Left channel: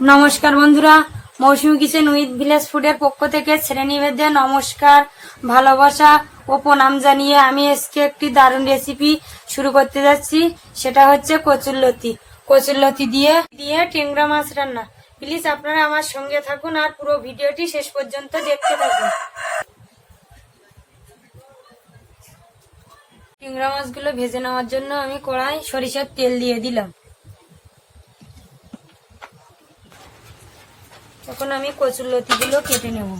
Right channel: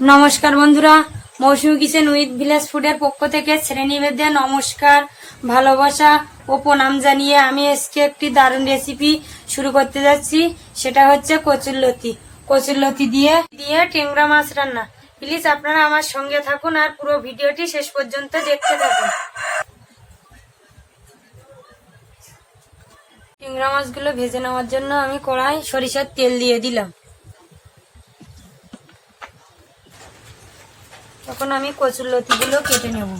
নমস্কার বন্ধুরা, মৌসুমী kitchen with village ফুডের পক্ষ থেকে শ্রেণীভেদে নমস্কার, ভালোবাসা ও প্রণাম জানিয়ে আমি আজকে একটি দারুণ রেসিপি শুরু করতে যাচ্ছি। সেটা হচ্ছে কচুরলতি দিয়ে টেংরা মাছ রান্না। প্লিজ আপনারা আমার সঙ্গে থাকুন আর পুরো ভিডিওটি শেষ পর্যন্ত দেখতে থাকুন। টেংরা মাছগুলো ভেজে নেওয়ার জন্য আমি কড়াই সরিষার তেল দিয়ে দিলাম। তখন আমি কচুরলতিগুলো কেটে নেব।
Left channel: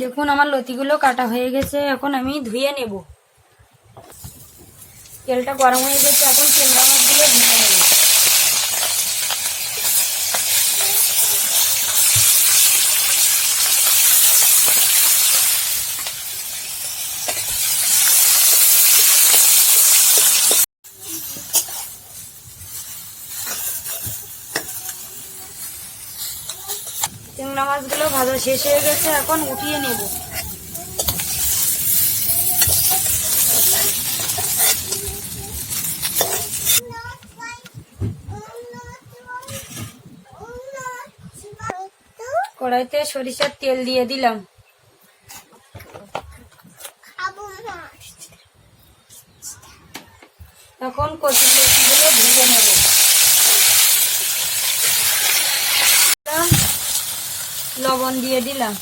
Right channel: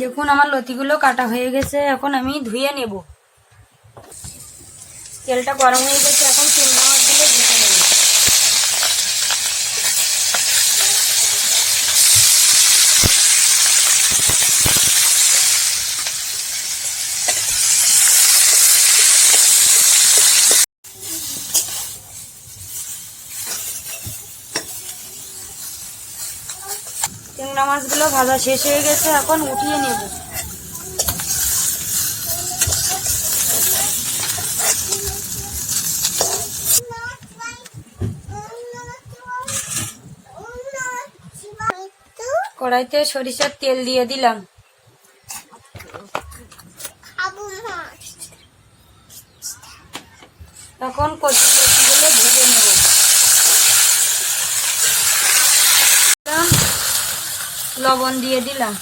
দেখুন আমার লতিগুলো কাটা হয়ে গেছে, এখন আমি ধুয়ে নেব। তেলটা গরম হয়ে গেছে, এখন টেংরা মাছগুলো ভেজে নেব। টেংরা মাছগুলো ভাজা শেষ হয়ে গেছে, এখন উঠিয়ে নেব। কড়াইতে সরিষার তেল দিয়ে দিলাম। এখন কচুরলতিগুলো ভেজে নেব। লবণ দিয়ে দিলাম।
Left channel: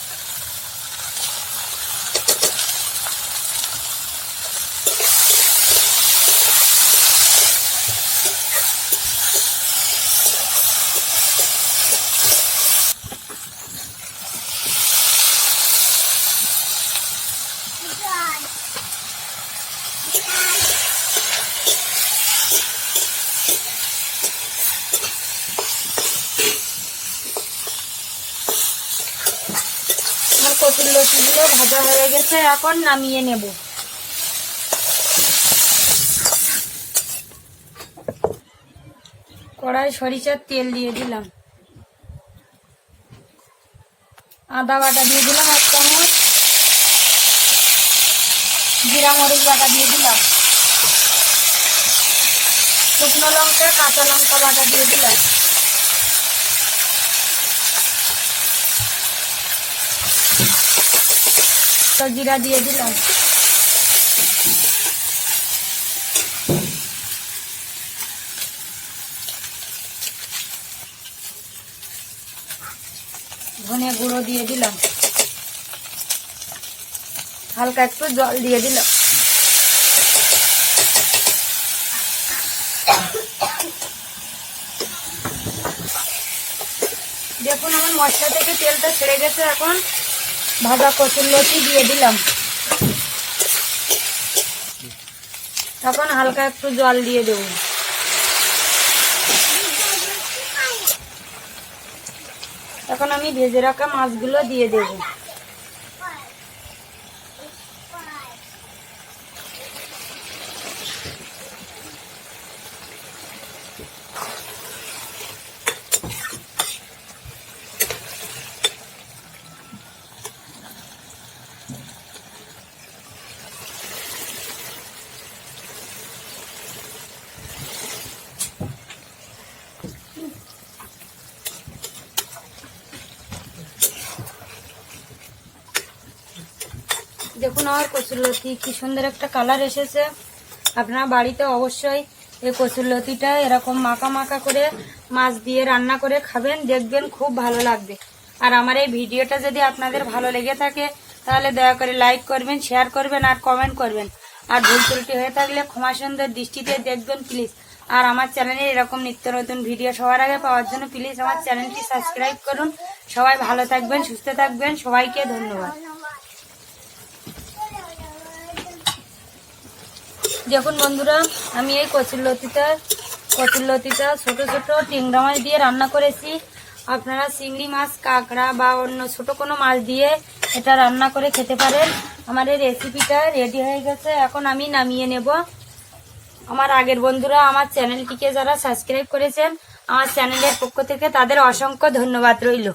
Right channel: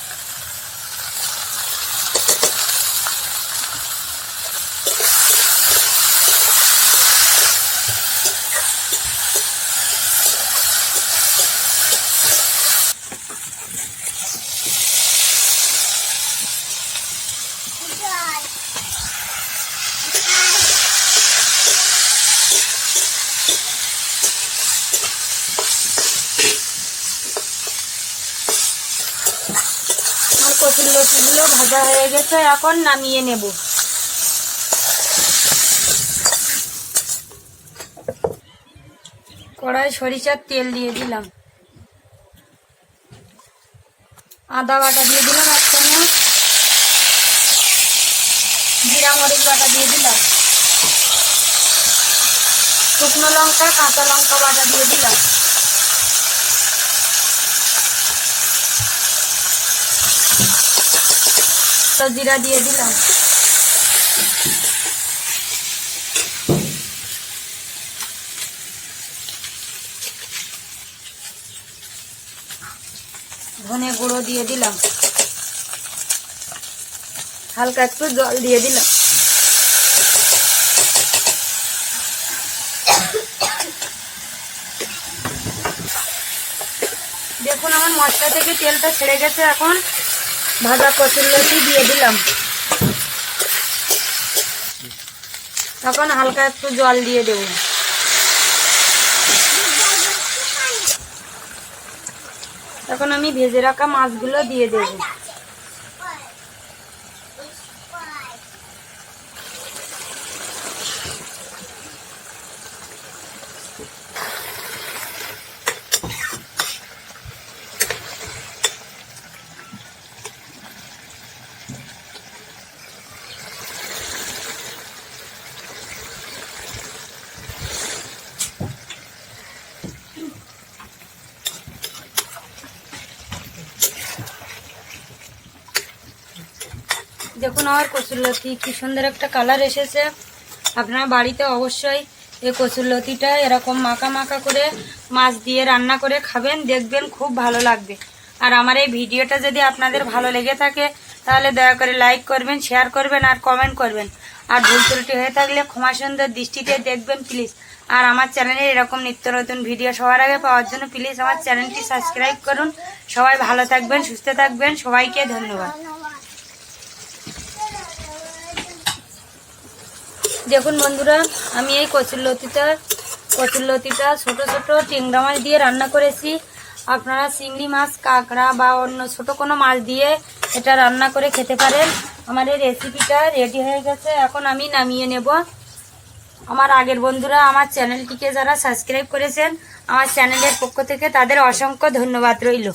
কচুরলতিগুলো ভাজা হয়ে গেছে, এখন নামিয়ে নেব। কড়াই সরিষার তেল দিয়ে দিলাম। আদা বাটা দিয়ে দিলাম 1 চামচ, জিরা মরিচ বাটা দিয়ে দিলাম, শুকনো লঙ্কা কাঁচা লঙ্কা বাটা দিয়ে দিলাম, জিরা দিয়ে দিলাম, ধনে গুঁড়ো দিয়ে দিলাম, হালকা একটু জল দিয়ে দিলাম। দেখুন আমার মশলা থেকে তেলটা ছেড়ে গেছে, এখন ভাজা কচুরলতি দিয়ে দিলাম। তখন হালকা একটু জল দিয়ে দেব। তখন আমি ভেজে রাখা মাছগুলো দিয়ে দেব। দেখুন আমার কচুরলতি কি সুন্দর একটা কালার এসেছে। আপনারা বাড়িতে অবশ্যই এই কচুরলতিটা এরকম মাখা মাখা করে মাছ দিয়ে রান্না করে খাবেন, দেখবেন খুব ভালো লাগবে। আর আমার এই ভিডিওটা যদি আপনাদের ভালো লেগে থাকে তাহলে দয়া করে লাইক করবেন, শেয়ার করবেন আর কমেন্ট করবেন। আর ভুল ত্রুটি হয়ে থাকলে ক্ষমা সুন্দর দৃষ্টিতে দেখবেন প্লিজ। আর আমার চ্যানেলে এরকম নিত্য নতুন ভিডিও সবার আগে পাওয়ার জন্য প্লিজ আমার চ্যানেলটি সাবস্ক্রাইব করুন। সবাই ভালো থাকবেন, সুস্থ থাকবেন, সবাইকে ধন্যবাদ। দেখুন বন্ধুরা, আমি এই কচুরলতিটা ছোট ছোট টেংরা মাছ দিয়ে রান্না করেছি। আপনারা চিংড়ি মাছ, কাঁকড়া বা অন্য ছোট কোনো মাছ দিয়ে এটা রান্না করে খেতে পারেন। আমার এই রেসিপিটা রেডি হয়ে গেছে, এখন আমি নামিয়ে নেব। আমার আগের বন্ধুরা আমার চ্যানেলটিকে যারা সাবস্ক্রাইব করেছেন, আমার চ্যানেলের পক্ষ থেকে তাদের অসংখ্য ধন্যবাদ রইল।